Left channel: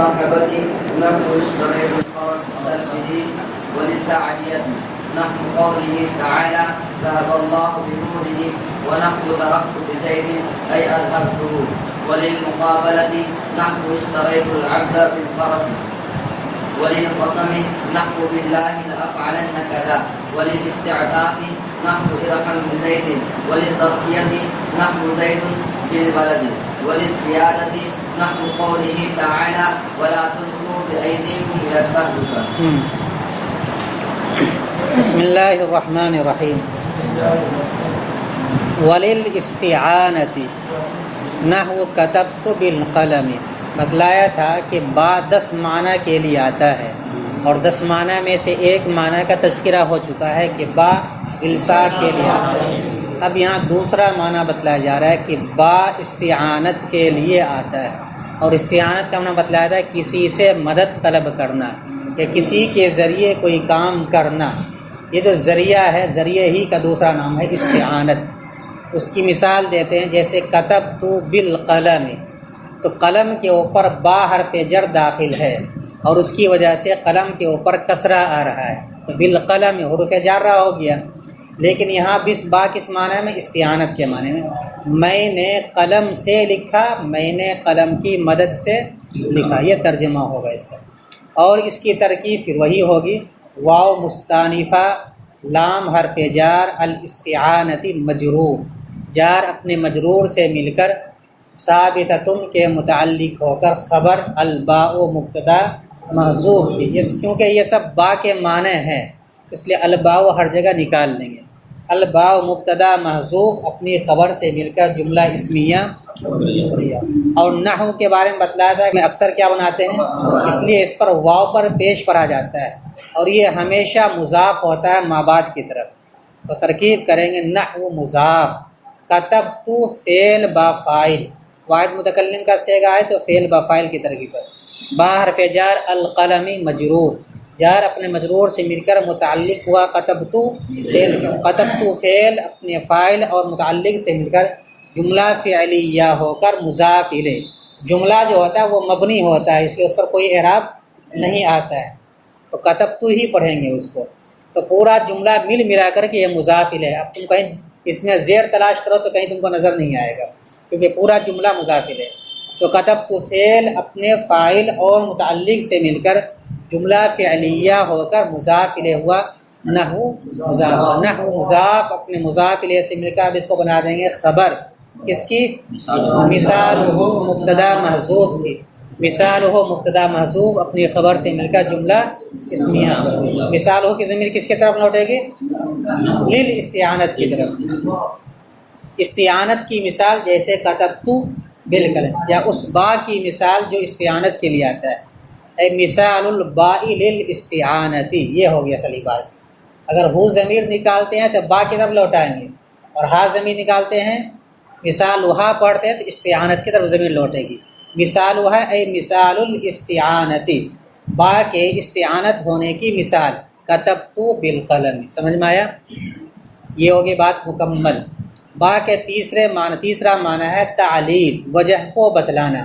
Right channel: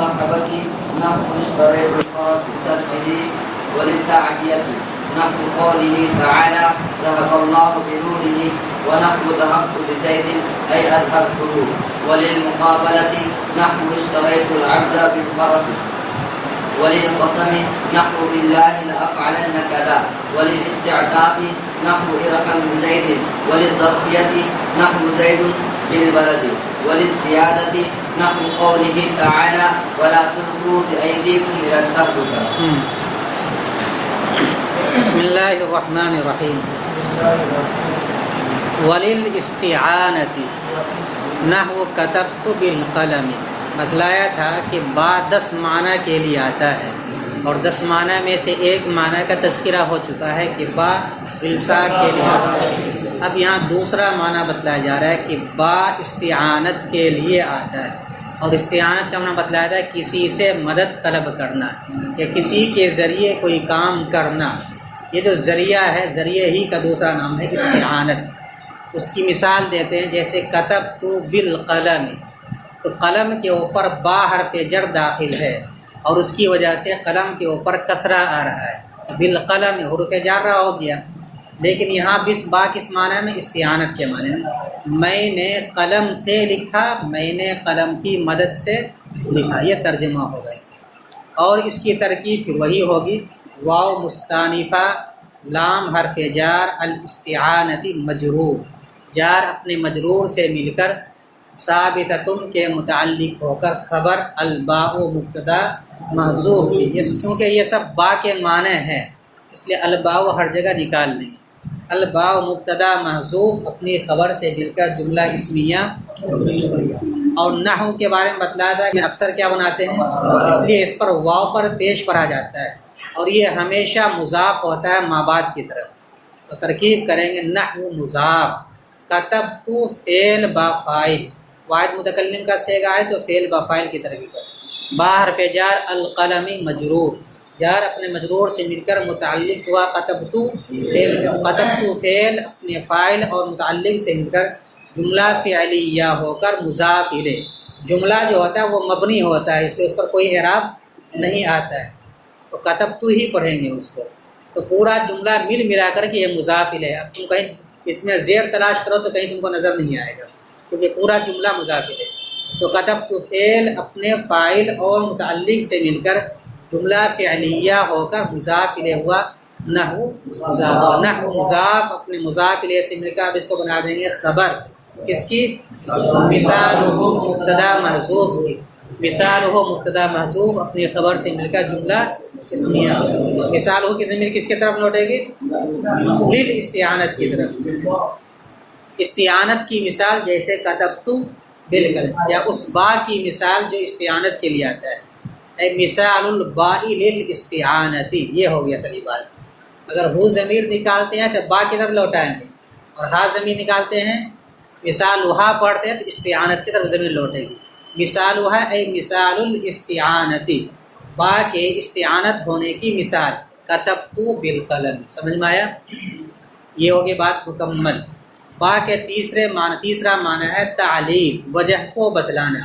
وللمصاحبة نحو اشتري الفرس سجدي وللتعدية نحو قوله تعالى ذهب الله بنوره ونحو ذهبت بزيد أي أذهبته وللمقابلة نحو اشتريت العبد بالفرس وللقسم نحو بالله لأفعلن كذا وللاستعطاف نحو ارحم بزيد وللظرفية نحو زيد بالبلد وللزيادة نحو قوله تعالى ولا تلقوا بأيديكم إلى التهلكة. بسم اللہ الرحمن الرحیم. وللاستعانة نحو كتبت بالقلم. بتلایا تھا کہ با 10 معنی کے لیے آتا ہے اور 10 معنی میں سے ایک معنی کا تذکرہ ہو چکا ہے کہ با الصاق کے لیے آتا ہے. اب یہاں دوسرا معنی بتلایا جا رہا ہے کہ با استعانت کے لیے آتا ہے. اور استعانت کا معنی بتلایا تھا کسی سے مدد طلب کرنا یا کسی کے ذریعے کوئی کام کرنا. یہ جو ذریعہ ہے، ذریعے ہی کا دوسرا نام ہے استعانت. اس کی مثال دیتے ہیں جیسے کتبت بالقلم، تو قلم کے اوپر با حرف جر داخل ہے اور اس کی وجہ سے قلم کے اوپر کسرہ آ رہا ہے، تو بالقلم حروف جارہ ہو گیا. لیکن یہاں بس با کس معنی میں؟ استعانت کے معنی میں. میں نے قلم سے لکھا، میں نے قلم کی مدد سے لکھا، یہ ترجمہ ہوگا اس کا. اور اس کی ترکیب پھر وہی ہوگی واو مستانفہ لام حرف جار الاستعانتی مجرور، جار اپنے مجرور سے مل کر ثابتۃ کے متعلق ہو کر خبر الباء مبتدا محذوف. کیونکہ یہ سب با کے معنی ہیں اس لیے الباء ہر جگہ نکال لیں گے. الباء مبتدا محذوف اپنی خبر سے مل کر جملہ اسمیہ. اور نحو کے بارے میں بتلایا تھا کہ اکثر کیا بناتے ہیں، اس لیے اس پر واو پر پیش پڑا جاتا ہے اور یہ ہمیشہ مضاف ہوتا ہے ما بعد کی طرف. تو ترکیب کریں گے نحو مضاف، کتبت فعل با فاعل، واحد متکلم کا صیغہ ہے تو فعل با فاعل کی ترکیب ہے. با حرف جار القلم مجرور، جار اپنے مجرور سے مل کر متعلق ہوا کتبت فعل، کتبت فعل اپنے فاعل اور متعلق سے مل کر جملہ فعلیہ ہو کر مضاف الیہ. جملہ جو ہوتا ہے وہ مبنی ہوتا ہے اس لیے اس پر کوئی اعراب نہیں آتا ہے، تو کتبت ہی پڑھیں گے اس کو. تو پورا جملہ مل ملا کر کے یہ مضاف الیہ. اب تم کہیں اس میں زیر تلاش کرو تو کہیں تم کو نظر نہیں آئے گا کیونکہ پورا جملہ مضاف الیہ. تو کتبت فعل اپنے فاعل اور متعلق سے مل کر جملہ فعلیہ ہو کر مضاف الیہ ہوا نحو مضاف. نحو مضاف اپنے مضاف الیہ سے مل کر اب اس کو بنا دیں گے خبر. کس کی؟ مثالہ مبتدا محذوف کی. مثالہ مبتدا محذوف اپنی خبر سے مل کر جملہ اسمیہ. مثالہ کی ضمیر کس کی طرف لوٹے گی؟ للاستعانت کی طرف. استعانت کی مثال جیسے کتبت بالقلم، یا اس با کی مثال جو استعانت کے لیے آتا ہے. اے مثال الباء للاستعانتی، یہ ہو گیا اصلی بات. اگر ہو ضمیر نکالتے ہیں تو با کی طرف لوٹائیں گے، اور ہا ضمیر نکالتے ہیں مثال وہا پڑھتے ہیں تو استعانت کی طرف ضمیر لوٹے گی. مثال وہا اے مثال الاستعانتی، با کے استعانت ہونے کی مثال. کتبت بالقلم، سمجھ میں آیا؟ یہ ہوگی بات مکمل. با کے تیسرا معنی ہے تعلیل، وجہ کو بتلانا.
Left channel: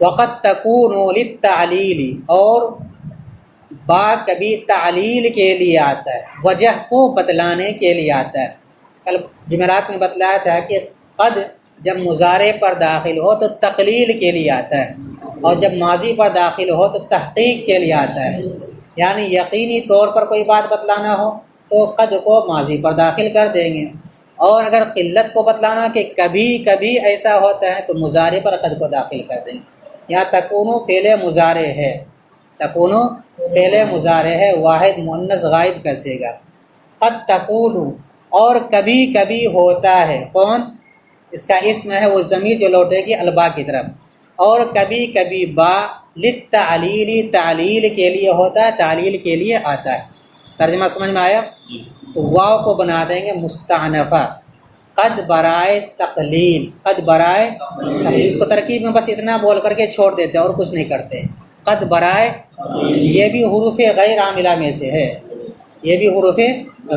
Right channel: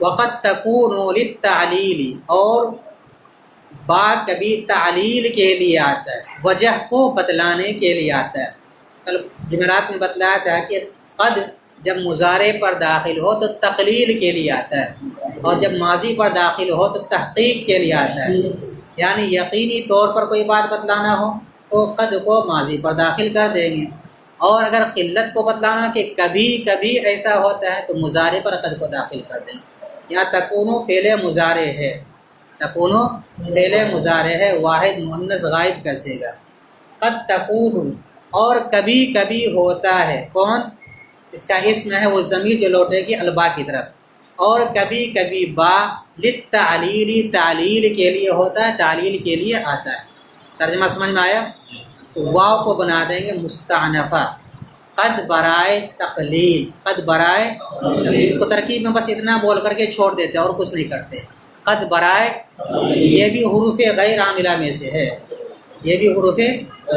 وقت تکون للتعلیل، اور با کبھی تعلیل کے لیے آتا ہے، وجہ کو بتلانے کے لیے آتا ہے. کل جمعرات میں بتلایا تھا کہ قد جب مضارع پر داخل ہو تو تقلیل کے لیے آتا ہے، اور جب ماضی پر داخل ہو تو تحقیق کے لیے آتا ہے. یعنی یقینی طور پر کوئی بات بتلانا ہو تو قد کو ماضی پر داخل کر دیں گے، اور اگر قلت کو بتلانا کہ کبھی کبھی ایسا ہوتا ہے تو مضارع پر قد کو داخل کر دیں گے. یہاں تکونو فعل مضارع ہے، تکونو فعل مضارع ہے، واحد مؤنث غائب کا صیغہ. قد تکونو، اور کبھی کبھی ہوتا ہے. کون؟ اس کا اسم ہے وہ ضمیر جو لوٹے گی البا کی طرف. اور کبھی کبھی با للتعلیل، تعلیل کے لیے ہوتا ہے، تعلیل کے لیے آتا ہے. ترجمہ سمجھ میں آیا؟ تو واو کو بنا دیں گے مستعنفہ، قد برائے تقلیل، قد برائے تقلیل. اس کو ترکیب میں بس اتنا بول کر کے چھوڑ دیتے اور کچھ نہیں کرتے. قد برائے، یہ بھی حروف غیر عاملہ میں سے ہے، یہ بھی حروف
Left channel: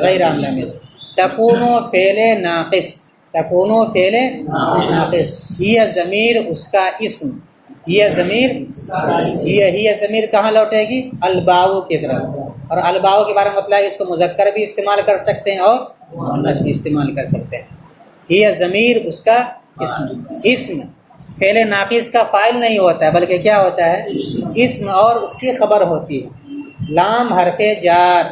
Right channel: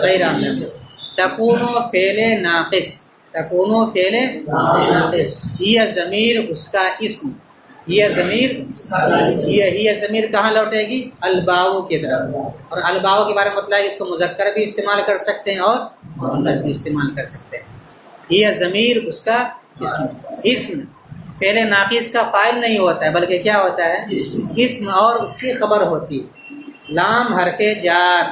غیر عاملہ میں سے. تکونو فعل ناقص، تکونو فعل ناقص، یہ ضمیر اس کا اسم، یہ ضمیر کہاں لوٹے گی؟ الباؤ کی طرف، اور الباؤ کے بارے میں مطلب اس کو مذکر بھی استعمال کر سکتے ہیں اور مؤنث بھی استعمال کر سکتے ہیں۔ یہ ضمیر اس کا اسم فعل ناقص کا فاعل نہیں ہوتا ہے، بلکہ کیا ہوتا ہے؟ اسم، اور اس کی خبر ہوتی ہے۔ لام حرف جار،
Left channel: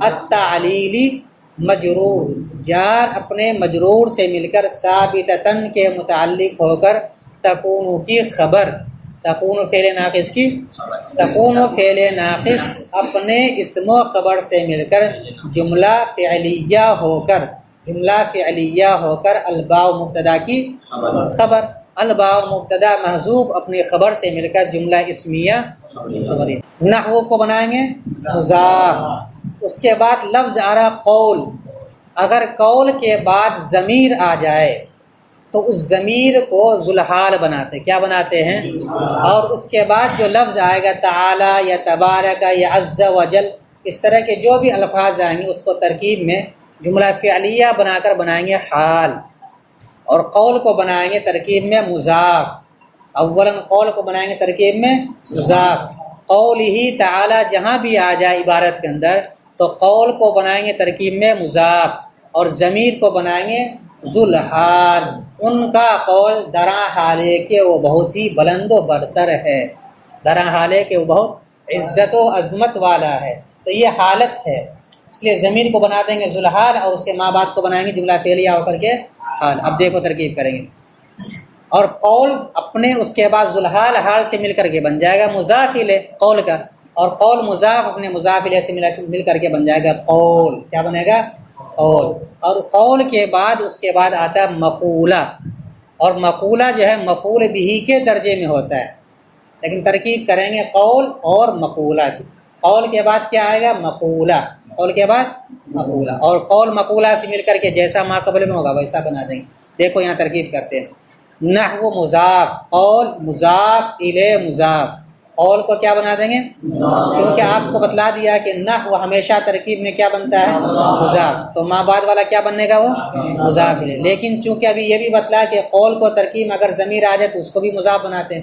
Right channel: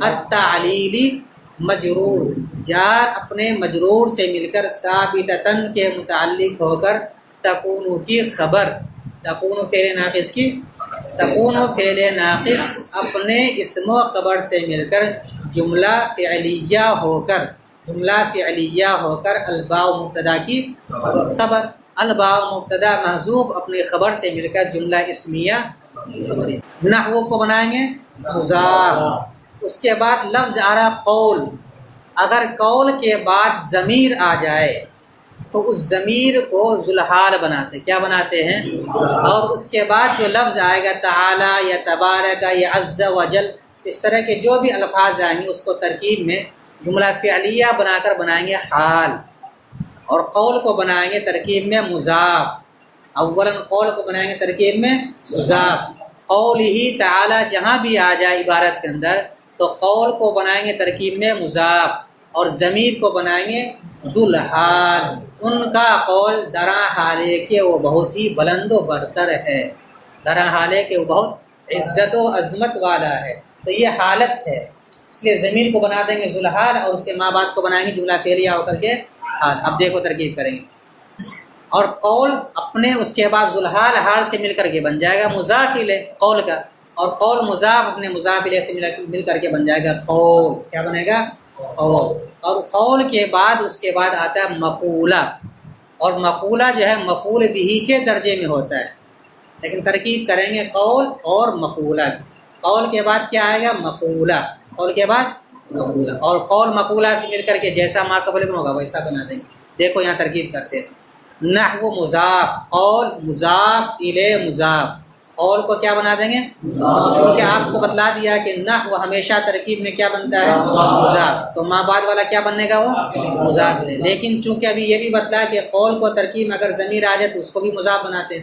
التعلیلی مجرور، جار اپنے مجرور سے مل کر ثابتتن کے متعلق ہو کر تکون کی خبر، تکون فعل ناقص کی، تکون فعل ناقص اپنے اسم و خبر سے مل کر جملہ فعلیہ ہو کر الباء مبتدا کی خبر، الباء مبتدا محذوف اپنی خبر سے مل کر جملہ اسمیہ خبری۔ نحو کو بنائیں گے مضاف، اس کے بعد لفظ آ رہا قول، اگر قول کے بعد ضمیر آ جائے تو اس ضمیر کو ذوالحال بناتے، کیا بناتے ہیں؟ اور اس کے بعد جو لفظ آئے گا تعالی یا تبارک یا عز و جل، اس طرح کے جو بھی الفاظ آئیں گے اس کو ترکیب میں جملہ فعلیہ بنا کر بنائیں گے حال، اور قول کو بنائیں گے ترکیب میں مضاف، اولاً قول کو بنائیں گے ترکیب میں مضاف، قولہ تعالی جہاں بھی آ جائے عبارت کے اندر تو قول کو بنائیں گے ترکیب میں مضاف، اور ضمیر کو بنائیں گے ذوالحال، ان کا قول درا حالے کہ وہ بہت ہی بلند و برتر ہے، درا حالے کہ وہ بہت عزت و عظمت والا ہے، تو یہ حالت ہے، اس لیے ضمیر کو بنا دیں گے ذوالحال اور اس کے ماں بعد کو بنائیں گے جملہ فعلیہ ہو کر کے حال۔ اب دیکھو ترکیب کریں گے، اور قول اپنے اس کے بعد ذوالحال حال سے مل کر کے بن جائے گا مضاف الیہ قول کا، اور قول مضاف اپنے مضاف الیہ سے مل کر کے بن جائے گا قول، کیا بنے گا؟ قول۔ اور قول کے بعد اس کے بعد آتا ہے مقولہ، اور مقولہ جو ہے مفعول بہ کے درجے میں ہوتا ہے، لیکن ترکیب کریں گے قول اور مقولہ کی، قول کے بعد کیا آئے گا؟ مقولہ، قول کے بعد مقولہ، اور قول مقولہ سے مل کر کے جیسا ما قبل میں ہوگا ویسا بنا دیں گے۔ دیکھو یہاں ترکیب کرتے ہیں، نحو مضاف، قول مضاف الیہ مضاف، قول کو کیا بنا دیں گے؟ کیونکہ آپ کو بتلا دیا کہ نحو ہمیشہ ترکیب میں کیا بنتا ہے؟ مضاف، تو ما بعد والا کیا بننے گا؟ وہ مضاف الیہ، لیکن چونکہ ابھی یہ بھی بتلا کہ قول کو ترکیب میں اگر ضمیر آ جائے تو اس کو بھی مضاف بناتے ہیں،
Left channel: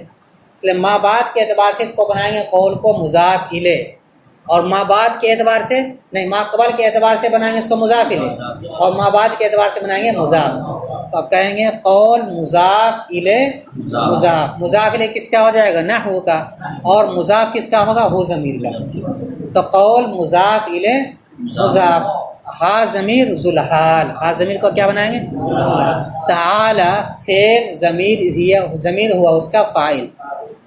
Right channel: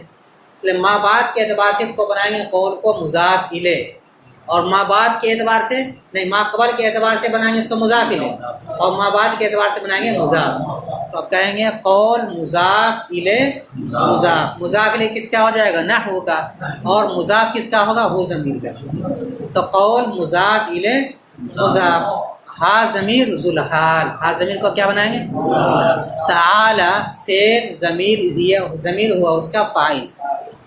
اس لیے ما بعد کے اعتبار سے اس کو بنائیں گے قول کو مضاف الیہ، اور ما بعد کے اعتبار سے نہیں، ما قبل کے اعتبار سے بنائیں گے اس کو مضاف الیہ، اور ما بعد کے اعتبار سے بنائیں گے مضاف، تو اب کہیں گے قول مضاف الیہ مضاف، مضاف الیہ کس کا ہو جائے گا؟ نحو کا، اور مضاف کس کا ہوگا؟ ہو ضمیر کا، تو قول مضاف الیہ مضاف، ہا ضمیر ذوالحال، ہا ضمیر کو کیا بنائیں گے؟ تعالی فعل ضمیر ہوا اس کا فاعل،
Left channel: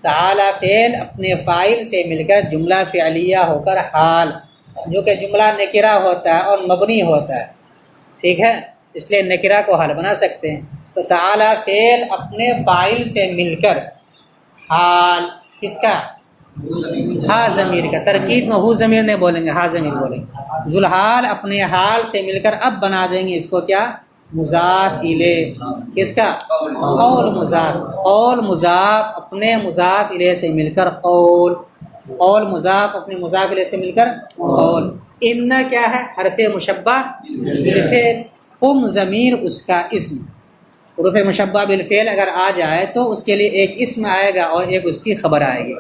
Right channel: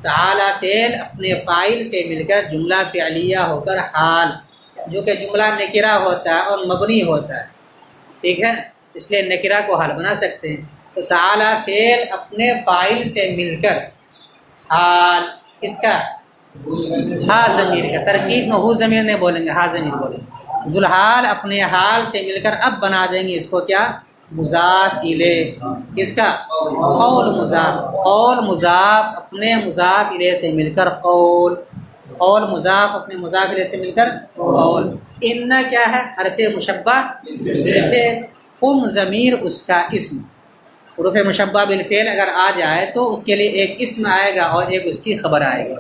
تعالی فعل اپنے فاعل سے مل کر جملہ فعلیہ ہو کر حال، جو کہ جملہ نکرہ ہوتا ہے اور مبنی ہوتا ہے، ٹھیک ہے، اس لیے نکرہ کو حال بنا سکتے ہیں، تو تعالی فعل اپنے فاعل سے مل کر حال، کس کا؟ ہا ضمیر کا، ترکیب میں ہو ضمیر نہیں بولیں گے، ہا ضمیر بولیں گے، ذوالحال اپنے حال سے مل کر اب بنا دیں گے اس کو کیا؟ مضاف الیہ، کس کا؟ قول مضاف، قول مضاف اپنے مضاف الیہ سے مل کر قول، قول مضاف اپنے مضاف الیہ سے مل کر قول۔ ان کیا ہے؟ حرف مشبہ بالفعل، قم ضمیر اس کا اسم، حروف مشبہ بالفعل اگر آ جائے تو اس کے لیے ایک اسم آئے گا اور ایک اس کی خبر آئے گی،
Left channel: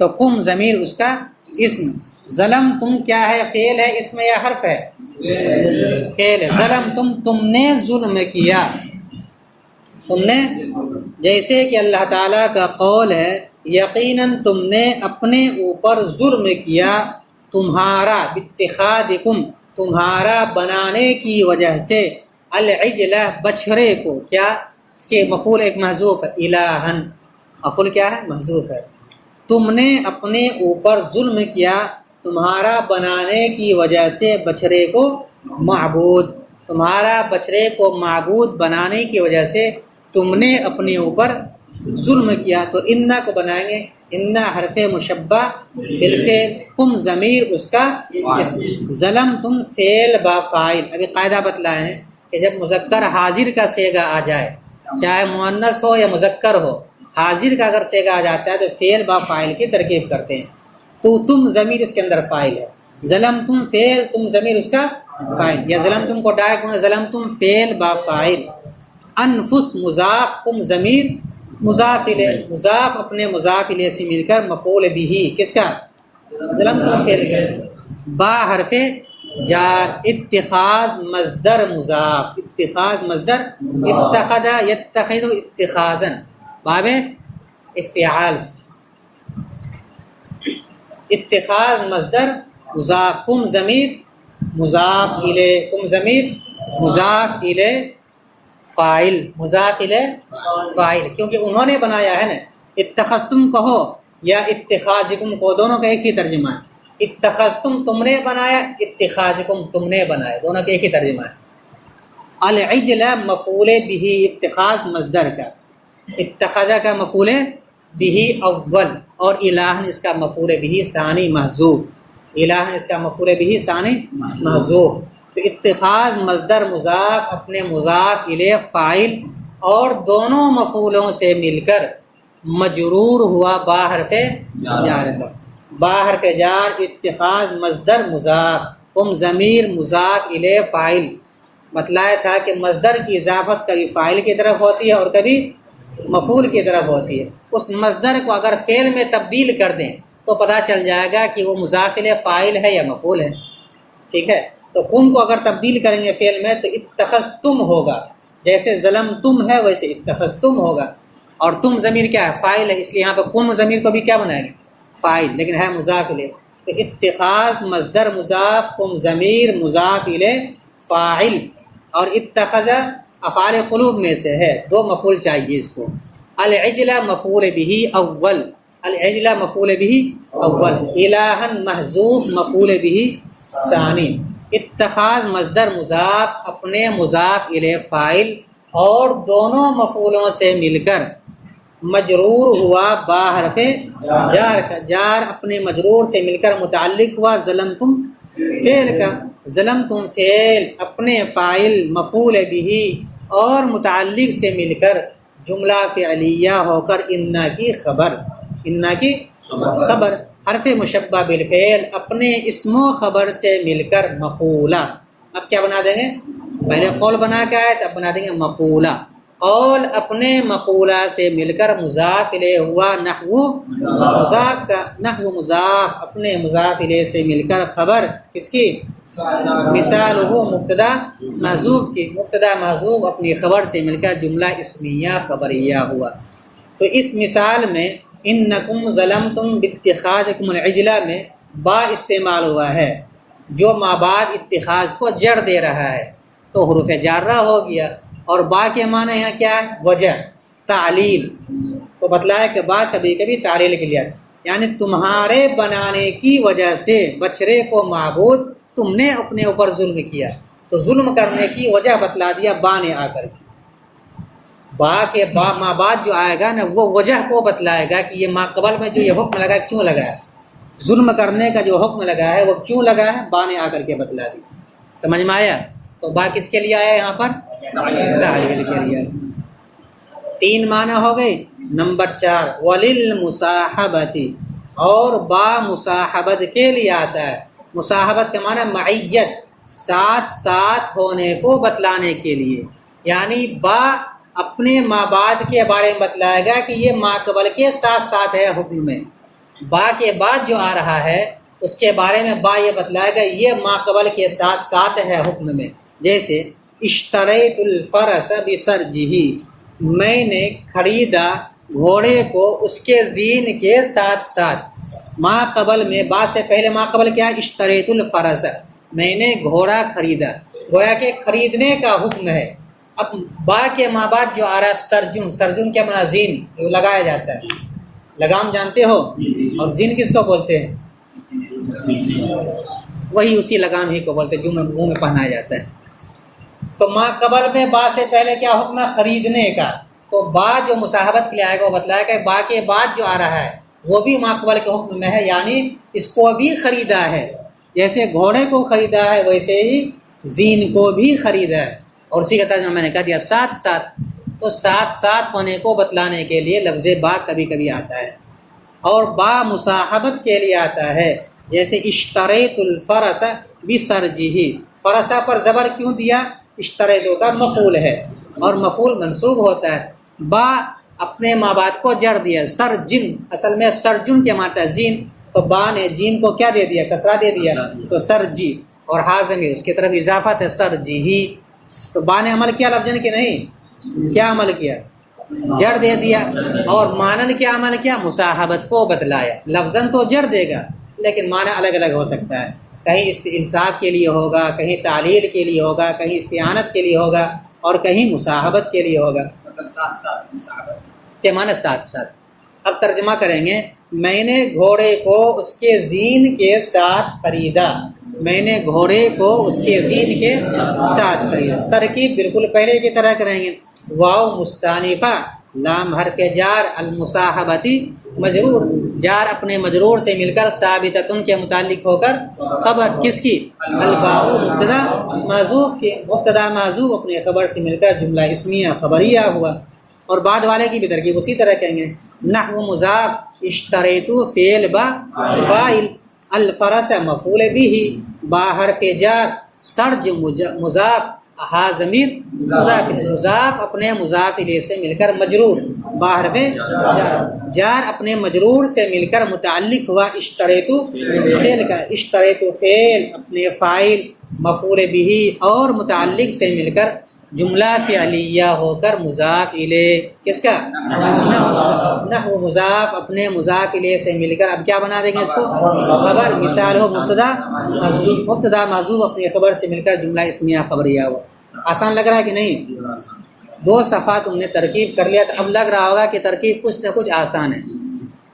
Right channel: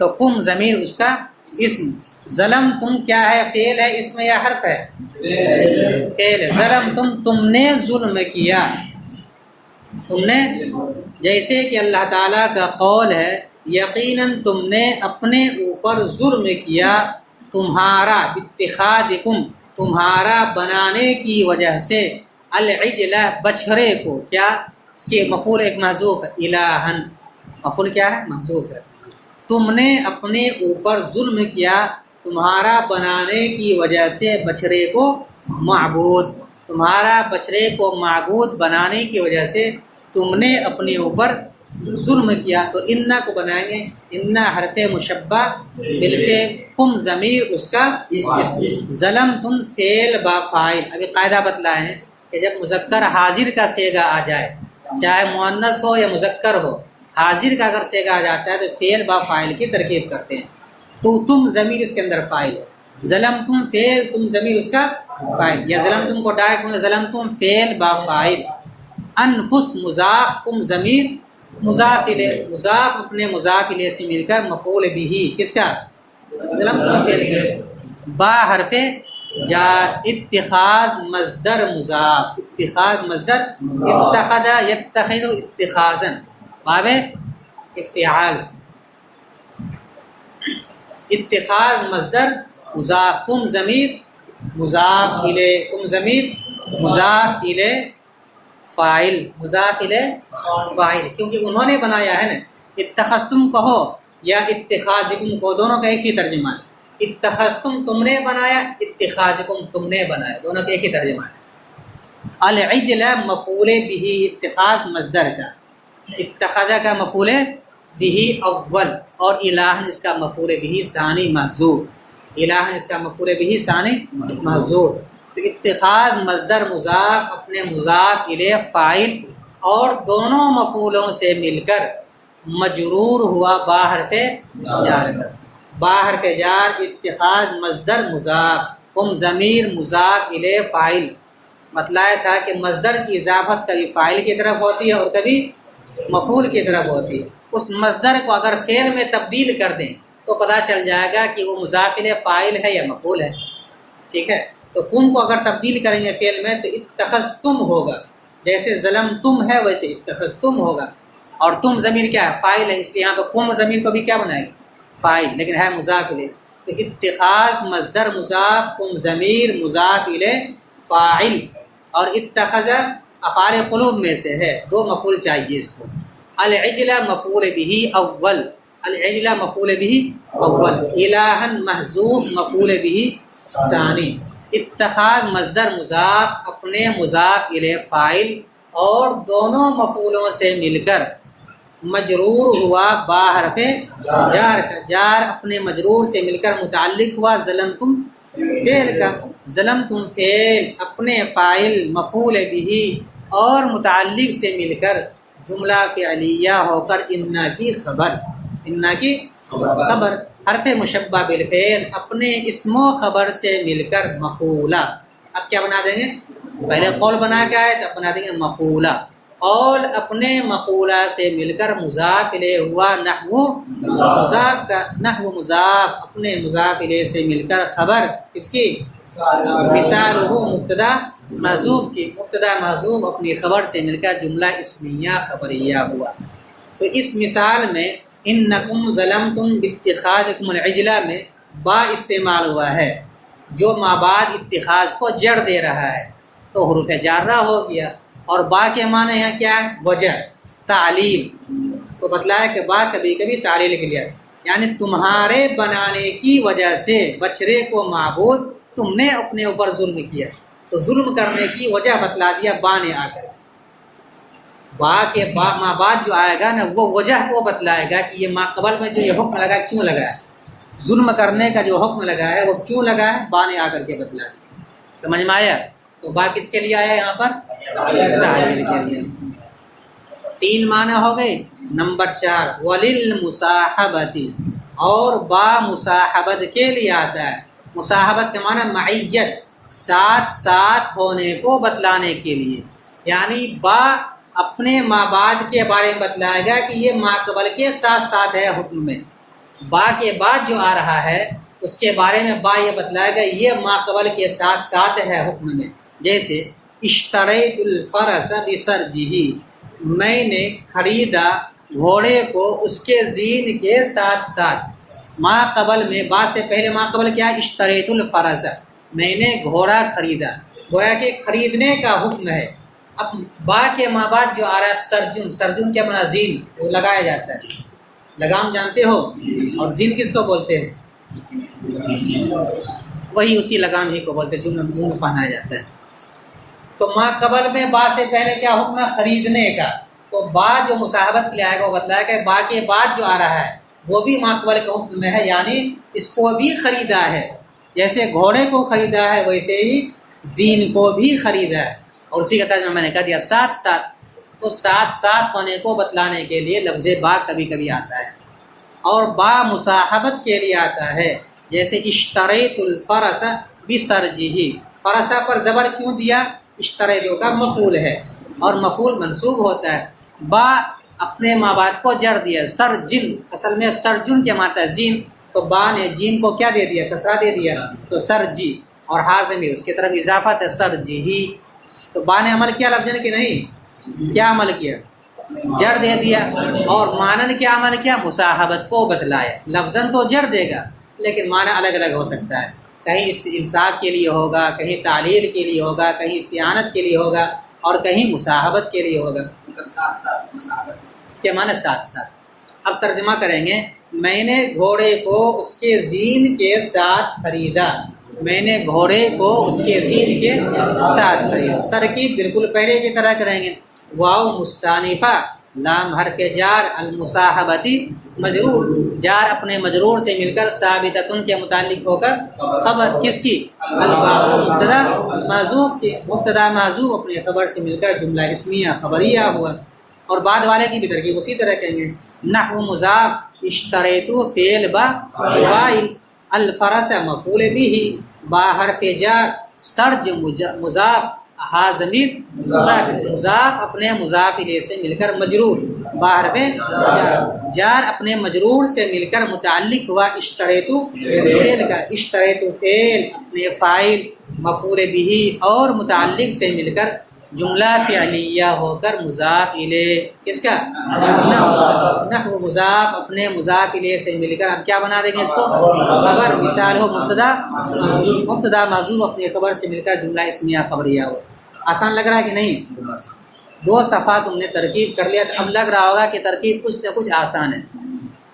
تو قم ضمیر اس کا اسم، ظلم تم کیا ہے؟ فعل ہے، اسم یا حرف ہے؟ فعل ہے، ظلم تم نے ظلم کیا، تم نے، جیسے کہ اللہ تعالیٰ کا قول ہے یقیناً تم نے اپنے اوپر ظلم کیا، تمہارا باتخاذکم، تمہارا بنانے کی وجہ سے، العجلہ بچھڑے کو، کیا اس کے مفعول ایک محذوف ہے، الہن، مفعول کیا ہے؟ محذوف ہے، تم نے اپنے اوپر ظلم کیا تمہارا بنانے کی وجہ سے بچھڑے کو معبود، تمہارا بچھڑے کو معبود بنانے کی وجہ سے تم نے اپنے اوپر ظلم کیا، تو انا کو بنائیں گے انا حرف مشبہ بالفعل، قم ضمیر اس کا ظلم تم فعل با فاعل۔ ابھی قاعدہ بتلائے ہیں کہ جب مذکر حاضر کا صیغہ آ جائے، چاہے مؤنث ہو یا مذکر ہو، حاضر کا اگر صیغہ آ جاتا ہے تو فعل با فاعل کی ترکیب کرتے ہیں، تو تم ضمیر اس کے اندر فاعل ہے، ظلم تم فعل، تم ضمیر اس کا فاعل، یا ظلم تم کو ڈائریکٹ ظلم تم فعل با فاعل، انفس مضاف، قم ضمیر مضاف الیہ، مضاف اپنے مضاف الیہ سے مل کر مفعول بھی کس کا؟ ظلمتم فعل کا، با حرف جار، اتخاذ مصدر مضاف، اتخاذ مصدر اتخذ یتخذ اتخاذا باب افتعال، اتخاذ مصدر مضاف، کم ضمیر مضاف الیہ، کم ضمیر مضاف الیہ فاعل، مضاف الیہ فاعل، کیونکہ انہوں نے بنایا ہے نا۔ اتخذتم کہو یا اتخاذکم کو، دونوں کا ایک ہی ترجمہ ہے۔ اتخذتم تم نے بنایا، اتخاذکم تم نے بنایا، دونوں کا ایک ہی ترجمہ ہے۔ العجل مفعول بھی، اتخاذ مصدر کا، اتخذ کا مفعول بھی اول، اور الہن اس کا مفعول بھی ثانی محذوف، الہن اس کا مفعول بھی ثانی محذوف۔ تو اتخاذ مصدر مضاف اپنے مضاف الیہ فاعل اور دونوں مفعولوں سے مل کر مجرور ہوا با حرف جار تک، با حرف جار، اتخاذ مصدر مضاف، کم ضمیر مضاف الیہ فاعل۔ مطلب تھا کہ مصدر کی اضافت کبھی فاعل کی طرف ہوتی ہے اور کبھی مفعول کی طرف ہوتی ہے۔ اس مصدر کو اگر فعل میں تبدیل کر دیں تو پتہ چل جائے گا کہ وہ مضاف الیہ فاعل ہے یا مفعول ہے، ٹھیک ہے۔ تو کم کو اگر تبدیل کریں گے فعل میں تو اتخذتم ہوگا، جیسے ظلمتم ہے ویسے اتخذتم ہوگا، اور تم ضمیر کیا ہے؟ فاعل ہے، اس لیے یہاں پر کم ضمیر کو بھی کیا بنائیں گے؟ فاعل، لیکن ہے مضاف الیہ۔ تو اتخاذ مصدر مضاف، کم ضمیر مضاف الیہ فاعل، اور اتخذ افعال قلوب میں سے ہے، دو مفعول چاہیے اس کو۔ العجل مفعول به اول، العجل مفعول به اول، الہن محذوف مفعول به ثانی۔ اتخاذ مصدر مضاف اپنے مضاف الیہ فاعل اور دونوں مفعولوں سے مل کر مجرور ہوا با حرف جار کا، جار اپنے مجرور سے مل کر متعلق ہوا ظلمتم فعل کا، ظلمتم فعل اپنے فاعل مفعول به اور متعلق سے مل کر جملہ فعلیہ ہو کر انا کی خبر، انا کی خبر، حرف مشبہ بالفعل اپنے اسم و خبر سے مل کر مقولہ۔ اب کیا بنا دیں گے؟ پہلے قول بنا کے آئے تو اب بنا دیں گے مقولہ۔ قول اپنے مقولہ سے مل کر مضاف الیہ ہوا نحو مضاف کا، نحو مضاف اپنے مضاف الیہ سے مل کر خبر کس کی؟ مثال ہو مبتدا محذوف کی، مبتدا محذوف اپنی خبر سے مل کر جملہ اسمیہ خبریہ ہوا۔ تو اس مثال میں انکم ظلمتم باتخاذکم العجلہ میں با استعمال ہوا ہے جو ما بعد اتخاذ کو جڑ دے رہا ہے، تو حروف جارہ ہو گیا، اور با کے معنی ہے کیا ہے؟ وجہ، تعلیل۔ تو بتلایا کہ با کبھی کبھی تعلیل کے لیے، یعنی تمہارے بنانے کی وجہ سے بچھڑے کو معبود تم نے اپنے اوپر ظلم کیا، تو ظلم کرنے کی وجہ بتلا دیا با نے آ کر کے۔ با کے ما بعد جو آئے گا نا وہ وجہ کو بتلائے گا کہ یہ ما قبل میں جو یہ حکم لگا کیوں لگا ہے، ظلم کرنے کا جو حکم لگا ہے وہ کیوں لگا ہے، با نے آ کر کے بتلا دیا۔ سمجھ میں آیا؟ تو با کس کے لیے آیا یہاں پر؟ تعلیل کے لیے۔ تین معنی ہو گئے۔ نمبر 4 وللمصاحبۃ، اور با مصاحبت کے لیے آتا ہے۔ مصاحبت کا معنی معیت، ساتھ ساتھ ہونے کو بتلانے کے لیے، یعنی با اپنے ما بعد کے بارے میں بتلائے گا کہ یہ ما قبل کے ساتھ ساتھ ہے حکم میں، با کے بعد جو آ رہا ہے اس کے بارے میں با یہ بتلائے گا یہ ما قبل کے ساتھ ساتھ ہے حکم میں۔ جیسے اشتریت الفرس بسرجہ، میں نے خریدا گھوڑے کو اس کے زین کے ساتھ ساتھ۔ ما قبل میں با سے پہلے ما قبل کیا؟ اشتریت الفرس، میں نے گھوڑا خریدا، گویا کہ خریدنے کا حکم ہے۔ اب با کے ما بعد جو آ رہا ہے سرجن، سرجن کیا بنا؟ زین، وہ لگایا جاتا ہے، لگام جانتے ہو، اور زین کس کو بولتے ہیں؟ وہی اسی لگام ہی کو بولتے ہیں جو منہ میں پہنایا جاتا ہے۔ تو ما قبل میں با سے پہلے کیا حکم ہے؟ خریدنے کا۔ تو با جو مصاحبت کے لیے آئے گا وہ بتلائے گا با کے بعد جو آ رہا ہے وہ بھی ما قبل کے حکم میں ہے، یعنی اس کو بھی خریدا ہے، جیسے گھوڑے کو خریدا ہے ویسے ہی زین کو بھی خریدا ہے۔ اور اسی کا ترجمہ میں نے کہہ دیا ساتھ ساتھ، تو ساتھ ساتھ ہونے کو بتلانے کے لیے لفظ با کبھی کبھی آتا ہے، اور با مصاحبت کے لیے آتا ہے، جیسے اشتریت الفرس بسرجہ، فرسا پر زبر کیوں دیا؟ اشتریت کا مفعول ہے اور مفعول منصوب ہوتا ہے۔ با اپنے ماں باپ کو جر دیا. سرجن اصل میں سرجن کیا ماتا ہے زین، تو با نے جیم کو کیا دے دیا کسرہ دے دیا تو سرجی، اور ہا ضمیر اس کی طرف اضافہ تھا سرجی. تو با نے عمل کیا لفظن کہ نہیں؟ کیا عمل کیا؟ جڑ دے دیا. اور مانن کیا عمل کیا؟ مصاحبت کو بتلایا. لفظن تو جڑ دے گا لیکن معنی الگ الگ ہو سکتا ہے، کہیں انصاف کے لیے ہوگا، کہیں تعلیل کے لیے ہوگا، کہیں استعانت کے لیے ہوگا، اور کہیں مصاحبت کے لیے ہوگا. مطلب ساتھ ساتھ مصاحبت کیا معنی ساتھ ساتھ. اب ترجمہ کریں گے. میں نے گھوڑے کو اس کے زین کے ساتھ خریدا. میں نے گھوڑے کو اس کے زین کے ساتھ خریدا. ترکیب بالکل پہلے کی طرح کریں گے. واو مستانفہ، لام حرف جار، المصاحبتی مجرور، جار اپنے مجرور سے مل کر ثابتۃ کے متعلق ہو کر خبر کس کی؟ الباء مبتدا محذوف کے، مبتدا محذوف اپنے خبر سے مل کر جملہ اسمیہ خبریہ ہوا. اور بعد والے کی بھی ترکیب اسی طرح کہیں گے. نحو مضاف، اشتریتو فعل با فاعل، الفرس مفعول به، با حرف جار، سرج مضاف، ہا ضمیر مضاف، مضاف اپنے مضاف الیہ سے مل کر مجرور، با حرف جار، جار اپنے مجرور سے مل کر متعلق ہوا اشتریتو فعل کا، اشتریتو فعل اپنے فاعل مفعول به اور متعلق سے مل کر جملہ فعلیہ ہو کر مضاف الیہ کس کا؟ نحو مضاف اپنے مضاف الیہ سے مل کر اب کیا بنا دیں گے اس کو؟ خبر. مثال ہو مبتدا محذوف اپنے خبر سے مل کر جملہ اسمیہ خبریہ ہو. آسان لگ رہا ہے کہ نہیں؟ 2 صفحہ تم نے ترکیب کر لیا تو اب لگ رہا ہوگا کہ ترکیب کچھ نہ کچھ آسان ہے.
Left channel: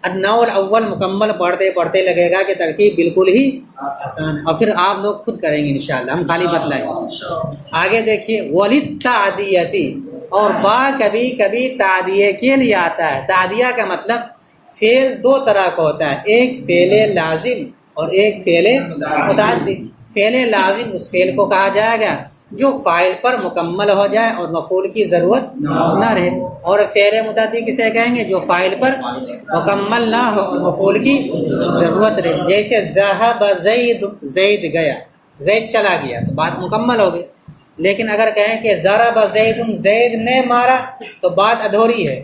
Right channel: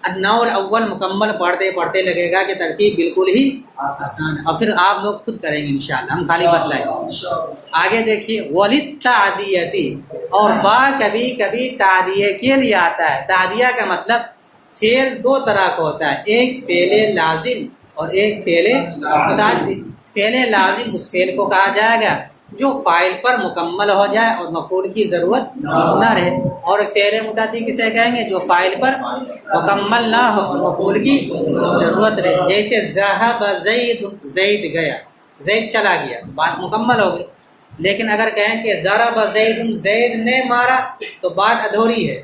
النوع الاول مکمل پڑھتے پڑھتے لگے گا کہ ترکیب بالکل ہی آسان ہے، اور پھر آپ لوگ خود کریں گے انشاءاللہ، ہم خالی بتلائیں. آگے دیکھیے. وللتعدیتی، اور با کبھی کبھی تعدیہ کے لیے آتا ہے. تعدیہ کا مطلب فعل 2 طرح کا ہوتا ہے، ایک فعل لازم اور ایک فعل متعدی. فعل لازم اس فعل کو کہا جائے گا جو فاعل پر مکمل ہو جائے اور مفعول کی ضرورت نہ رہے، اور فعل متعدی کسے کہیں گے؟ جو فاعل پر مکمل نہ ہو اور مفعول کی ضرورت رہے. جیسے ذهب زید، زید گیا، زید چلا گیا تو بات مکمل ہو گئی. لیکن اگر کہیں کہ ضرب زید، زید نے مارا تو بات ادھوری ہے.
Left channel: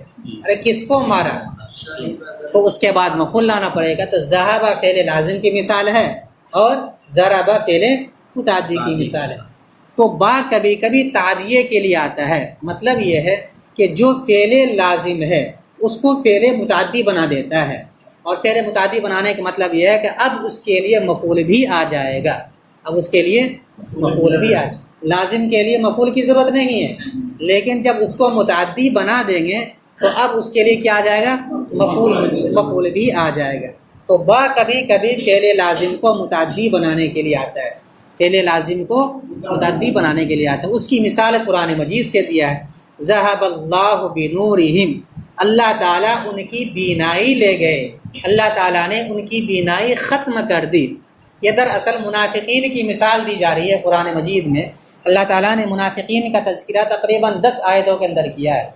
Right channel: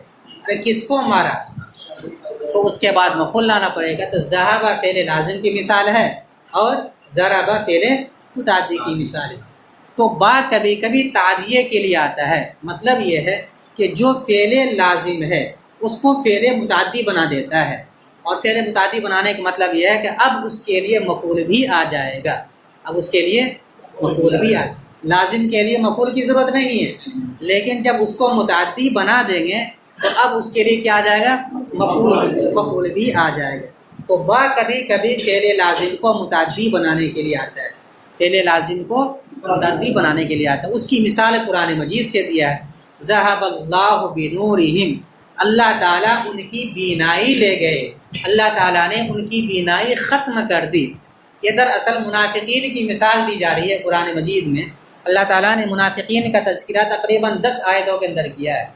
ارے کس کو مارا؟ تو اس کے بعد مفعول لانا پڑے گا. تو ذهب فعل لازم کی مثال ہے اور ضرب فعل متعدی کی مثال ہے. تو با کبھی کبھی تعدیہ کے لیے آتا ہے. مطلب یہ ہے کہ جو فعل لازم ہے اس کو فعل متعدی بنا دیتا ہے، اور فعل متعدی بنانے کا مطلب یہ ہے کہ اب اس کے لیے مفعول بھی آ جائے گا. اب اس کے لیے مفعول بھی آ، لازم کے لیے مفعول کی ضرورت نہیں ہے، لیکن جب اس کو متعدی بنا دیں گے تو اب اس کے لیے کیا آ جائے گا؟ مفعول بھی آ جائے گا. تو با کبھی کبھی فعل لازم کو متعدی بنانے کے لیے آتا ہے، فعل لازم کو متعدی بنانے کے لیے آتا ہے. اس کی مثال قرآن مجید سے دیا ہے. ذهب اللہ بنورہم، اللہ تعالیٰ ان کی بینائی لے گئے، اللہ تعالیٰ نے ان کی بینائی ختم کر دی. یہ دراصل منافقین کی مثال دی جا رہی ہے قرآن مجید میں. اللہ تعالیٰ نے منافقین کا تذکرہ تقریباً 10 آیتوں کے اندر کیا ہے،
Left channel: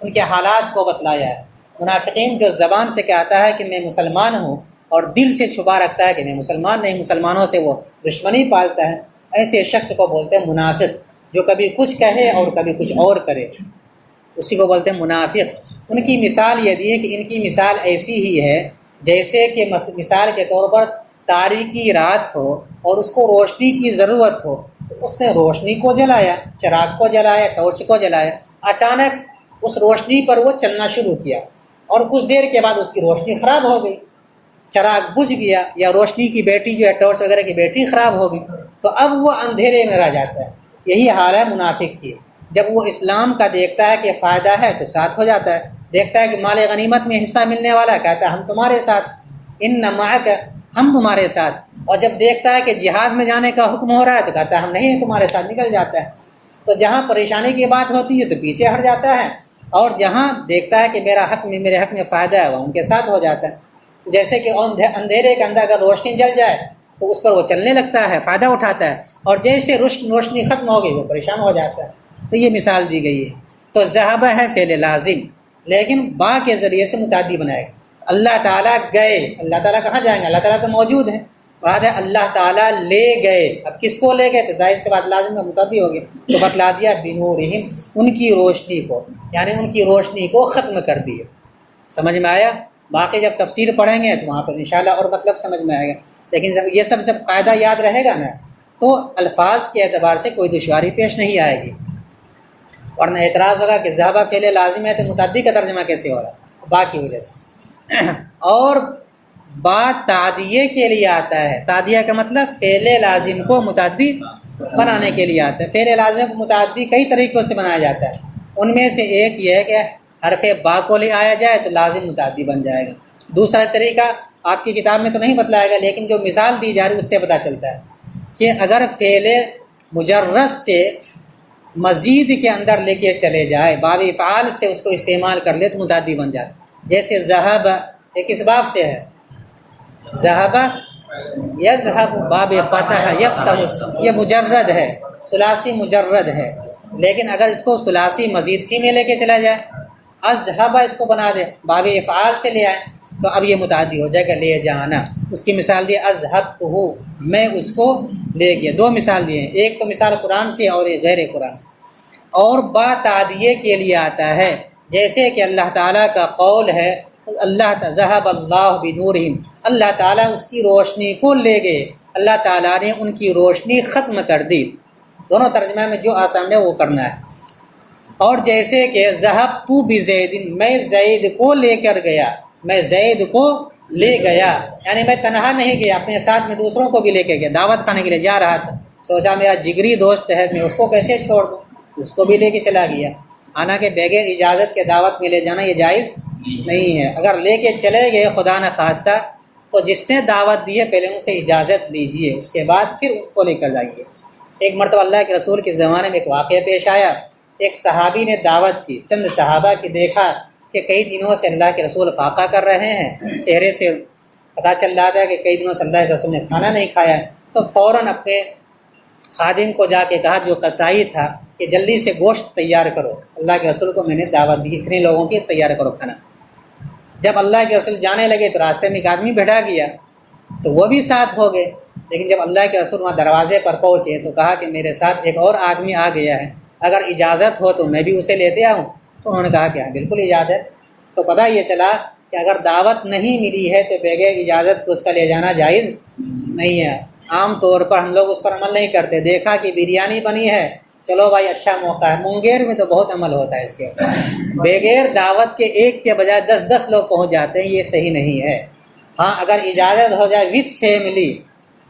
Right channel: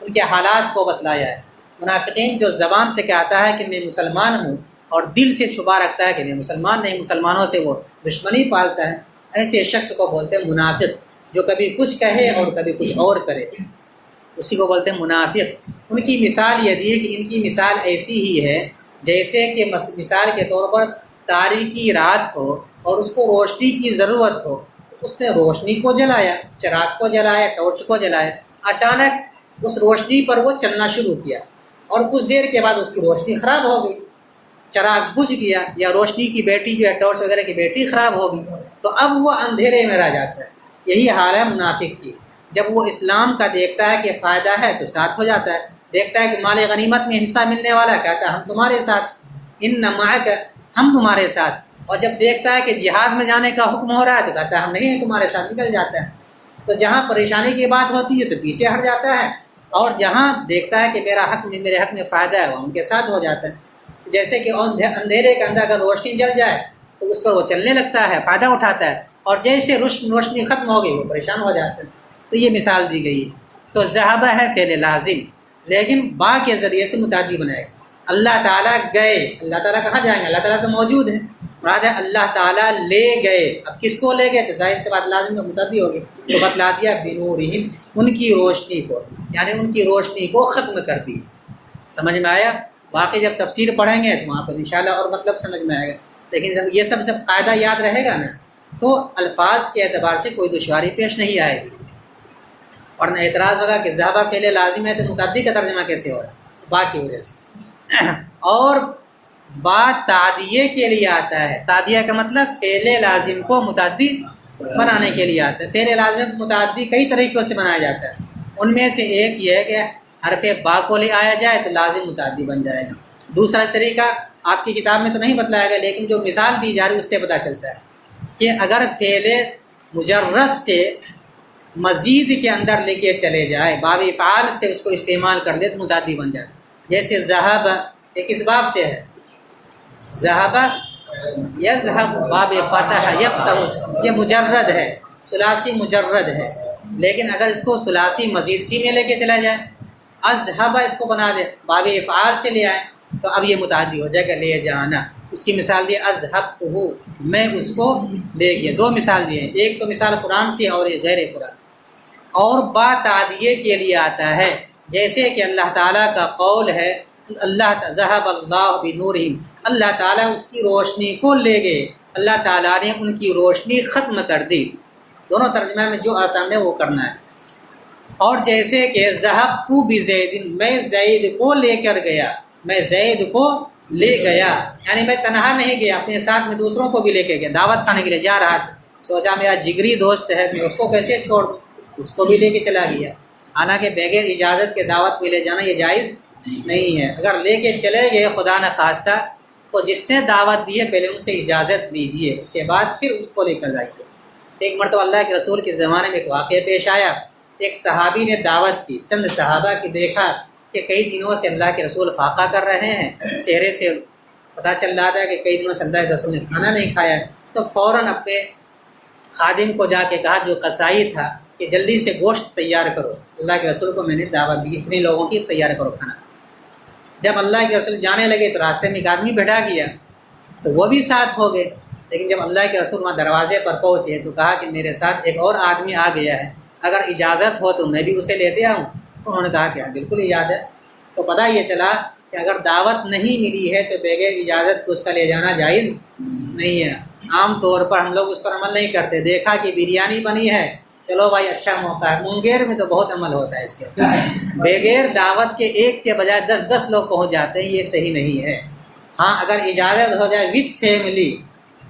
ان کے حالات کو بتلایا ہے. منافقین جو زبان سے کہتا ہے کہ میں مسلمان ہوں اور دل سے چھپا رکھتا ہے کہ میں مسلمان نہیں، مسلمانوں سے وہ دشمنی پالتا ہے، ایسے شخص کو بولتے ہیں منافق. جو کبھی کچھ کہے اور کبھی کچھ اور کرے، اسی کو بولتے ہیں منافق. ان کی مثال یہ دی ہے کہ ان کی مثال ایسی ہی ہے جیسے کہ مثال کے طور پر تاریکی رات ہو اور اس کو روشنی کی ضرورت ہو. اس نے روشنی کو جلایا، چراغ کو جلایا، ٹارچ کو جلایا، اچانک اس روشنی پر وہ چلنا شروع کیا اور کچھ دیر کے بعد اس کی روشنی خراب ہو گئی، چراغ بجھ گیا، یا روشنی کی بیٹری جو ہے ٹارچ وغیرہ کی بیٹری خراب ہو گئی، تو اب وہ اندھیرے میں رہ جاتا ہے. یہی حال ہے منافق کی. جب وہ اسلام کا دیکھتا ہے کہ فائدہ ہے تو ساتھ ہو جاتا ہے، دیکھتا ہے کہ مال غنیمت میں حصہ ملنے والا ہے کہتا ہے ہم تمہارے ساتھ، ان معک، ہم تمہارے ساتھ. اور جب دیکھتا ہے کہ جہاد میں جانے کا حکم ہو رہا ہے تو کہتا ہے ہم نہیں ہیں تمہارے ساتھ، نکل جاتا ہے. تو جہاں پریشانی کی بات ہوتی ہے تو پیچھے ہٹ جاتا ہے، اور جہاں دیکھتا ہے کہ میرے حق میں فائدہ ہے وہ ان کے ساتھ ہو جاتا ہے. جیسے کہ اندھیرے کے اندر اگر روشنی جل جائے تو اس پر وہ چلنے لگتا ہے، فائدہ اٹھاتا ہے، اور جیسے روشنی ختم ہو گئی وہ پریشان ہو جاتا ہے. تو یہ مثال دی گئی ہے. تو ذهب ہے فعل لازم، لیکن با کے ذریعے سے متعدی بنائے گا. اللہ تعالیٰ گئے، اللہ تعالیٰ کہاں جائیں گے؟ اللہ تعالیٰ تو موجود ہیں، مراد ہے اللہ تعالیٰ لے گئے. اب کس کو لے گئے؟ تو ظاہر سے بات لازم کا متعدی ہو گیا. تو بتلا دیا بنورہم، ان کی روشنی کو، یعنی ان کی روشنی کو ختم کر دیا. سمجھ میں آیا؟ باقی جب تفسیر پڑھیں گے تو وہاں پر انشاءاللہ اور مطلب سمجھ میں آئے گا. لیکن یہ سب جب قاعدہ یاد رہے گا نا تو الفاظ کے اعتبار سے کوئی دشواری پیش نہیں آئے گی. ورنہ اعتراض ہوگا کہ ذہبہ فعل لازم ہے تو متعدی کا ترجمہ کیسے ہو رہا ہے؟ با کی وجہ سے. اور با تعدیے کے لیے آتا ہے. تعدیہ کا مطلب فعل لازم کو متعدی بنانے کے لیے آتا ہے. فعل لازم کو متعدی کئی طریقوں سے بنایا جاتا ہے. ان میں سے ایک یہ ہے کہ حرف با کو لے آیا جائے تو لازم متعدی بن جائے گا. دوسرا طریقہ آپ کی کتاب میں تو نہیں بتلایا گا، لیکن جو مثال دی جا رہی ہے اس سے پتہ چلتا ہے کہ اگر فعل مجرد سے مزید کے اندر لے کے چلے جائے، باب افعال سے اس کو استعمال کر لے تو متعدی بن جاتا ہے. جیسے ذہب، ایک اس باب سے ہے، ذہب یذہب، باب فتح یفتح، یہ مجرد ہے، ثلاثی مجرد ہے. لیکن اگر اس کو ثلاثی مزید فی میں لے کے چلا جائے، اذہب اس کو بنا دے، باب افعال سے لے آئے، تو اب یہ متعدی ہو جائے گا لے جانا. اس کی مثال دی اذہبتہ، میں اس کو لے گیا. دو مثال دیے ہیں، ایک تو مثال قرآن سے اور ایک غیر قرآن سے. اور با تعدیے کے لیے آتا ہے، جیسے کہ اللہ تعالیٰ کا قول ہے اللہ ذہب اللہ بنورہم، اللہ تعالیٰ اس کی روشنی کو لے گئے، اللہ تعالیٰ نے ان کی روشنی ختم کر دی. دونوں ترجمہ میں جو آسان ہے وہ کرنا ہے. اور جیسے کہ ذہبت بزید، میں زید کو لے کر گیا، میں زید کو لے گیا، یعنی میں تنہا نہیں گیا، اپنے ساتھ میں دوسروں کو بھی لے کے گیا. دعوت کھانے کے لیے جا رہا تھا، سوچا میرا جگری دوست ہے، میں اس کو کیسے چھوڑ دوں، اس کو بھی لے کے چلا گیا. حالانکہ بغیر اجازت کے دعوت میں لے جانا یہ جائز نہیں ہے. اگر لے کے چلے گئے خدا نہ خواستہ تو جس نے دعوت دی ہے پہلے ان سے اجازت لیجئے، اس کے بعد پھر ان کو لے کر جائیے. ایک مرتبہ اللہ کے رسول کے زمانے میں ایک واقعہ پیش آیا. ایک صحابی نے دعوت کی، چند صحابہ کی دیکھا کہ کئی دنوں سے اللہ کے رسول فاقہ کر رہے ہیں، چہرے سے پتہ چل رہا تھا کہ کئی دنوں سے اللہ کے رسول نے کھانا نہیں کھایا ہے. تو فوراً اپنے خادم کو جا کے کہا جو قصائی تھا کہ جلدی سے گوشت تیار کرو، اللہ کے رسول کو میں نے دعوت دی، اتنے لوگوں کی تیار کرو کھانا. جب اللہ کے رسول جانے لگے تو راستے میں ایک آدمی بٹھا گیا تو وہ بھی ساتھ ہو گئے. لیکن جب اللہ کے رسول وہاں دروازے پر پہنچے تو کہا کہ میرے ساتھ ایک اور آدمی آ گیا ہے، اگر اجازت ہو تو میں بھی اسے لیتے آؤں. تو انہوں نے کہا کہ ہاں بالکل اجازت. تو پتہ یہ چلا کہ اگر دعوت نہیں ملی ہے تو بغیر اجازت کو اس کا لے جانا جائز نہیں ہے. عام طور پر ہم لوگ اس پر عمل نہیں کرتے. دیکھا کہ بریانی بنی ہے، چلو بھائی اچھا موقع ہے. مونگیر میں تو بہت عمل ہوتا ہے اس کے اوپر، بغیر دعوت کے ایک کے بجائے 10 لوگ پہنچ جاتے ہیں، یہ صحیح نہیں ہے. ہاں اگر اجازت ہو جائے وتھ فیملی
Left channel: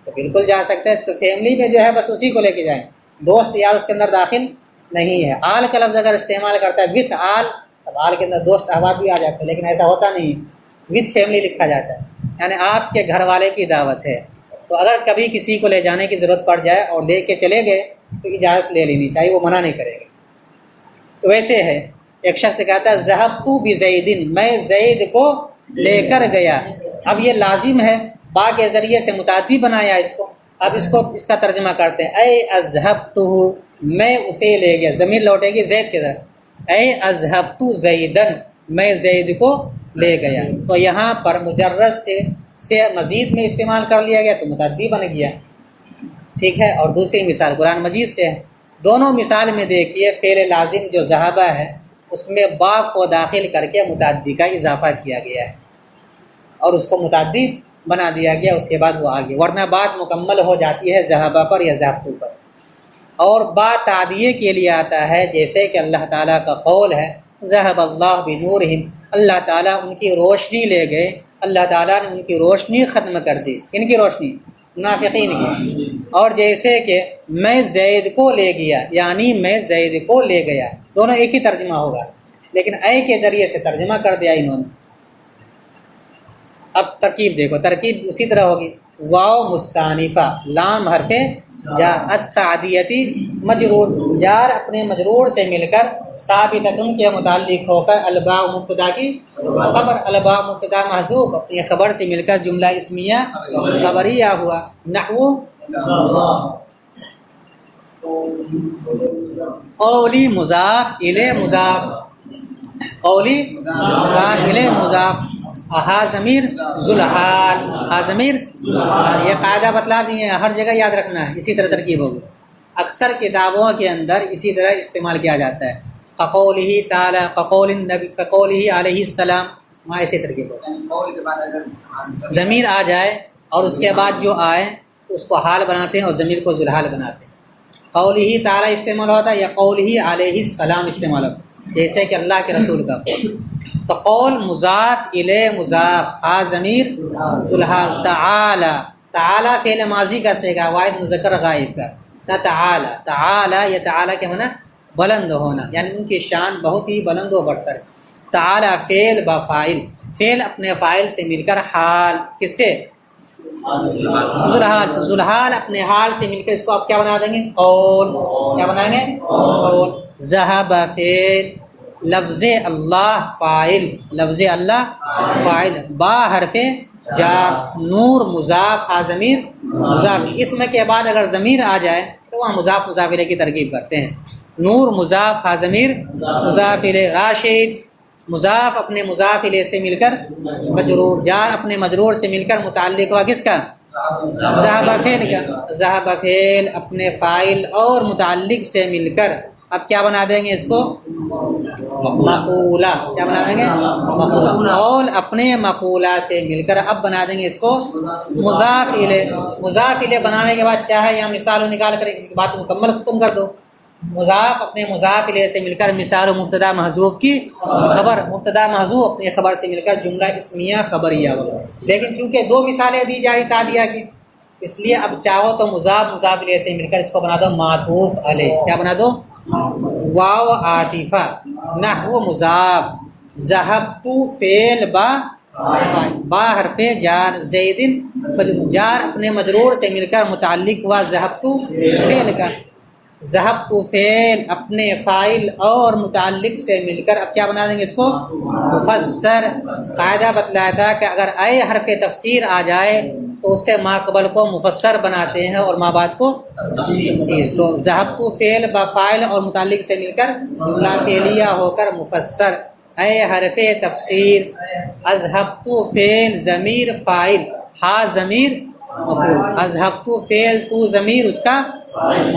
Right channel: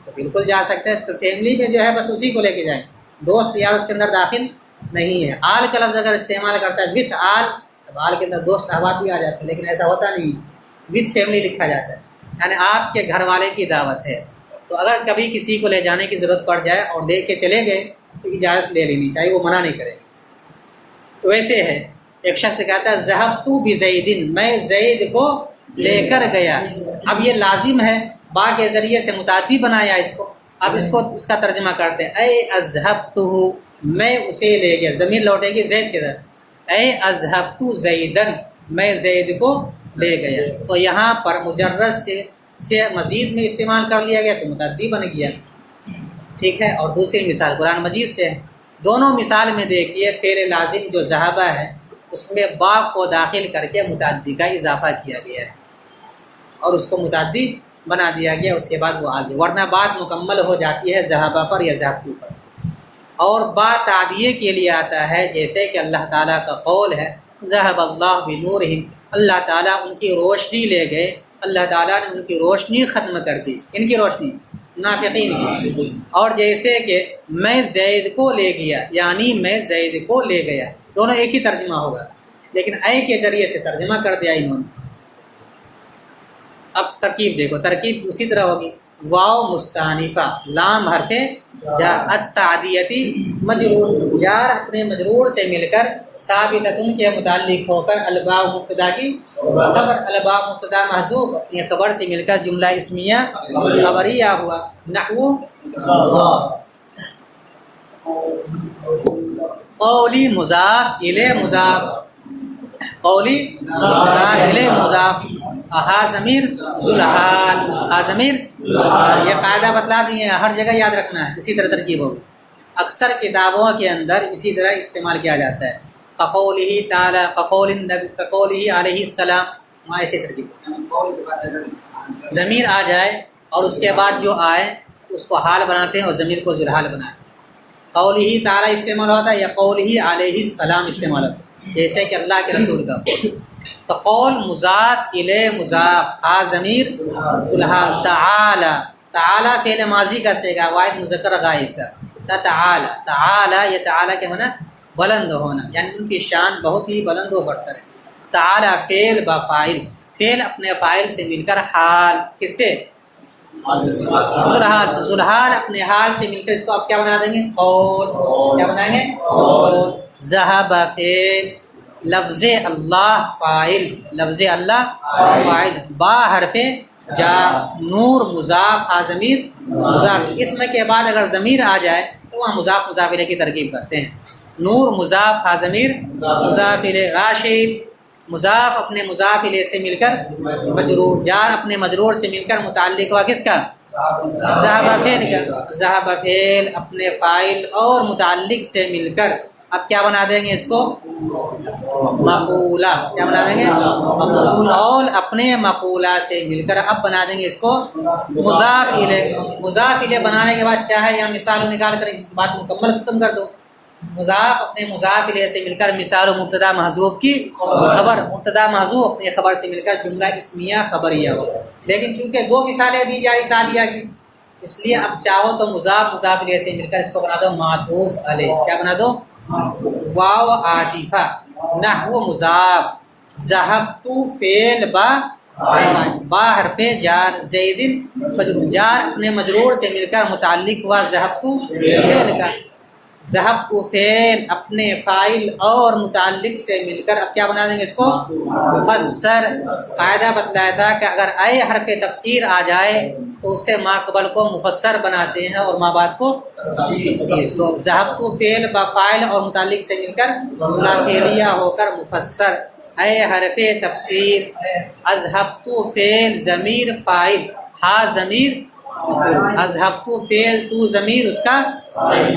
تو بالکل جا سکتے ہیں. تو فیملی میں جو ہے بس اسی کو لے کے جائیں، دوست یار اس کے اندر داخل نہیں ہے. آل کا لفظ اگر استعمال کرتا ہے وتھ آل، تب آل کے اندر دوست احباب بھی آ جاتے ہیں، لیکن ایسا ہوتا نہیں. وتھ فیملی لکھا جاتا ہے، یعنی آپ کے گھر والے کی دعوت ہے. تو اگر کبھی کسی کو لے جانے کی ضرورت پڑ جائے اور لے کے چلے گئے تو اجازت لے لینی چاہیے، وہ منع نہیں کرے گا. تو ایسے ہے، ایک شخص کہتا ہے ذہبت بزید، میں زید کو لے کر گیا. اب یہ لازم ہے، با کے ذریعے سے متعدی بنایا اس کو. اب اس کا ترجمہ کرتے ہیں، اے اذہبتہ، میں اسے لے گیا. ضمیر لوٹے گی زید کی طرف، اے اذہبت زیدن، میں زید کو لے گیا. تو یہاں پر مجرد سے مزید میں استعمال کر لیا گیا تو متعدی بن گیا. ٹھیک ہے. اور دوسری مثال قرآن مجید سے ہے. دونوں مثال میں دیکھیے فعل لازم جو ذہبہ ہے اس میں با کو داخل کر کے متعدی کا اضافہ کیا گیا ہے اور اس کو متعدی بنا دیا گیا، اس کے بعد وہ آگے، ورنہ بات مکمل ہو جاتی ہے ذہبہ پر یا ذہبتو پر. اور با تعدیے کے لیے آتا ہے، جیسے کہ اللہ تعالیٰ کا قول ہے ذہب اللہ بنورہم، اللہ تعالیٰ ان کی روشنی لے گئے، اللہ تعالیٰ نے ان کی روشنی ختم کر دی. ان کی روشنی منافقین کی. اور جیسے کہ میں زید کو لے گیا، یعنی میں زید کو لے گیا، دونوں ایک ہی ترجمہ ہوگا، لیکن اے کے ذریعے سے ترجمہ کر دیا انہوں نے. اب ترکیب دیکھو، ترکیب اسی طرح ہوگی، واو مستانفہ، لام حرف جار، التعدیتی مجرور، جار اپنے مجرور سے مل کر ثابتۃ کے متعلق ہو کر الباء مبتدا کی خبر، الباء مبتدا محذوف اپنی خبر سے مل کر جملہ اسمیہ خبریہ ہوا. نحو قولی مضاف الی مضاف، قولی مضاف الی مضاف. ہا ضمیر ذوالحال، ہا ضمیر یہ قاعدہ بتلا دیے، ہر جگہ یاد رکھنا ہے، اسی طرح ترکیب ہوگی، اکثر کتابوں کے اندر اسی طرح استعمال کیا جاتا ہے، قولہ تعالی قول النبی قولہ علیہ السلام، وہاں ایسی ترکیب ہوگی، یعنی قول کے بعد اگر ضمیر آ جائے اور اس کے بعد جو آئے اس کو حال بناتے ہیں اور ضمیر کو ذوالحال بناتے ہیں۔ قولہ تعالی استعمال ہوتا ہے یا قولہ علیہ السلام استعمال ہوتا ہے، جیسے کہ اللہ کے رسول کا قول، تو قول مضاف الیہ مضاف، ہا ضمیر ذوالحال، تعالی تعالی فعل ماضی کا صیغہ واحد مذکر غائب کا، تعالی تعالی، یہ تعالی کے ہونا بلند ہونا، یعنی ان کی شان بہت ہی بلند و برتر ہے۔ تعالی فعل با فاعل، فعل اپنے فاعل سے مل کر حال، کس سے؟ ذوالحال سے، ذوالحال اپنے حال سے مل کر اس کو آپ کیا بنا دیں گے؟ قول، کیا بنائیں گے؟ قول۔ ذہب فعل، لفظ اللہ فاعل، لفظ اللہ فاعل، با حرف جار، نور مضاف، ہا ضمیر مضاف، اسم کے بعد اگر ضمیر آ جائے تو وہاں مضاف مضاف الیہ کی ترکیب کرتے ہیں، نور مضاف، ہا ضمیر مضاف الیہ، راشد مضاف اپنے مضاف الیہ سے مل کر مجرور، جار اپنے مجرور سے مل کر متعلق ہوا کس کا؟ ذہب فعل کا، ذہب فعل اپنے فاعل اور متعلق سے مل کر اب کیا بنا دیں گے اس کو؟ مقولہ، کیا بنا دیں گے؟ مقولہ، قول اپنے مقولہ سے مل کر اب بنا دیں گے اس کو مضاف الیہ، مضاف الیہ بنانے کے بعد چاہے یا مثال نکال کر اس کی بات مکمل ختم کر دو، مضاف اپنے مضاف الیہ سے مل کر مثال و مبتدا محذوف کی خبر، مبتدا محذوف اپنے خبر سے مل کر جملہ اسمیہ خبریہ ہو، لیکن چونکہ دو مثالیں دی جا رہی تالیہ کی، اس لیے اب چاہو تو مضاف الیہ سے مل کر اس کو بنا دو معطوف علیہ، کیا بنا دو؟ واو عاطفہ، نحو مضاف، ذہبت فعل با حرف جار، زیدن جار اپنے مجرور سے مل کر متعلق ہوا ذہبت فعل کا، ذہبت فعل اپنے فاعل اور متعلق سے مل کر اب کیا بنا دیں گے اس کو؟ مفسر، قاعدہ بتلایا تھا کہ اگر اے حرف تفسیر آ جائے تو اس سے ما قبل کو مفسر بناتے ہیں اور ما بعد کو تفسیر، تو ذہبت فعل با فاعل اور متعلق سے مل کر جملہ فعلیہ ہو کر مفسر، اے حرف تفسیر، اذهبت فعل ضمیر فاعل، ہا ضمیر مفعول، اذهبت فعل تو ضمیر اس کا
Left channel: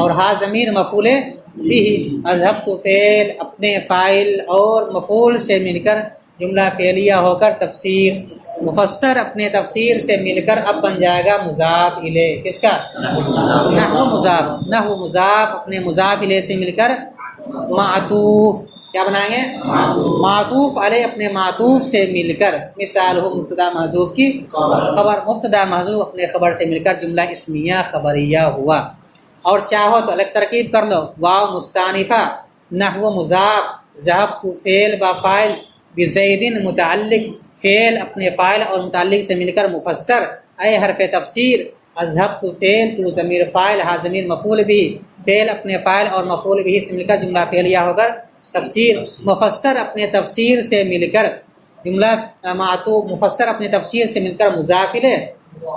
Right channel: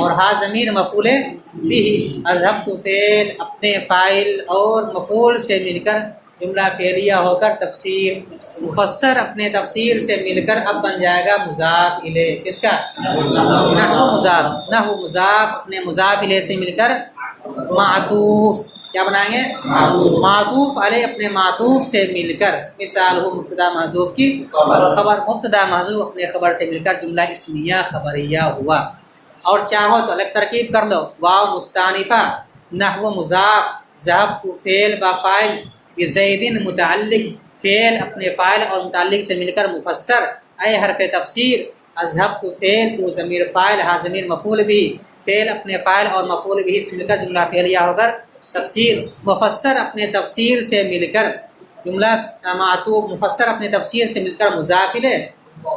اور ہا ضمیر مفعول بھی، اذهبت فعل اپنے فاعل اور مفعول سے مل کر جملہ فعلیہ ہو کر تفسیر، مفسر اپنے تفسیر سے مل کر اب بن جائے گا مضاف الیہ، کس کا؟ نحو مضاف، نحو مضاف اپنے مضاف الیہ سے مل کر معطوف، کیا بنائیں گے؟ معطوف علیہ اپنے معطوف سے مل کر مثال ہو مبتدا محذوف کی خبر، مبتدا محذوف اپنے خبر سے مل کر جملہ اسمیہ خبریہ ہوا، اور چاہو تو الگ ترکیب کر لو، واو مستانفہ، نحو مضاف، ذہبت فعل با فاعل، بزیدن متعلق، فعل اپنے فاعل اور متعلق سے مل کر مفسر، اے حرف تفسیر، اذهبت فعل تو ضمیر فاعل، ہا ضمیر مفعول بھی، فعل اپنے فاعل اور مفعول بھی سے مل کر جملہ فعلیہ ہو کر تفسیر، مفسر اپنے تفسیر سے مل کر جملہ معطوف، مفسر اپنے تفسیر سے مل کر مضاف الیہ،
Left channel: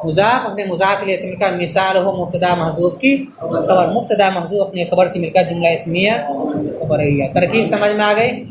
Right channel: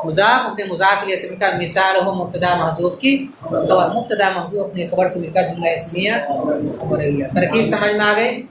مضاف اپنے مضاف الیہ سے مل کر مثال ہو مبتدا محذوف کی خبر، مبتدا محذوف اپنے خبر سے مل کر جملہ اسمیہ خبریہ۔ ترکیب سمجھ میں آ گئی؟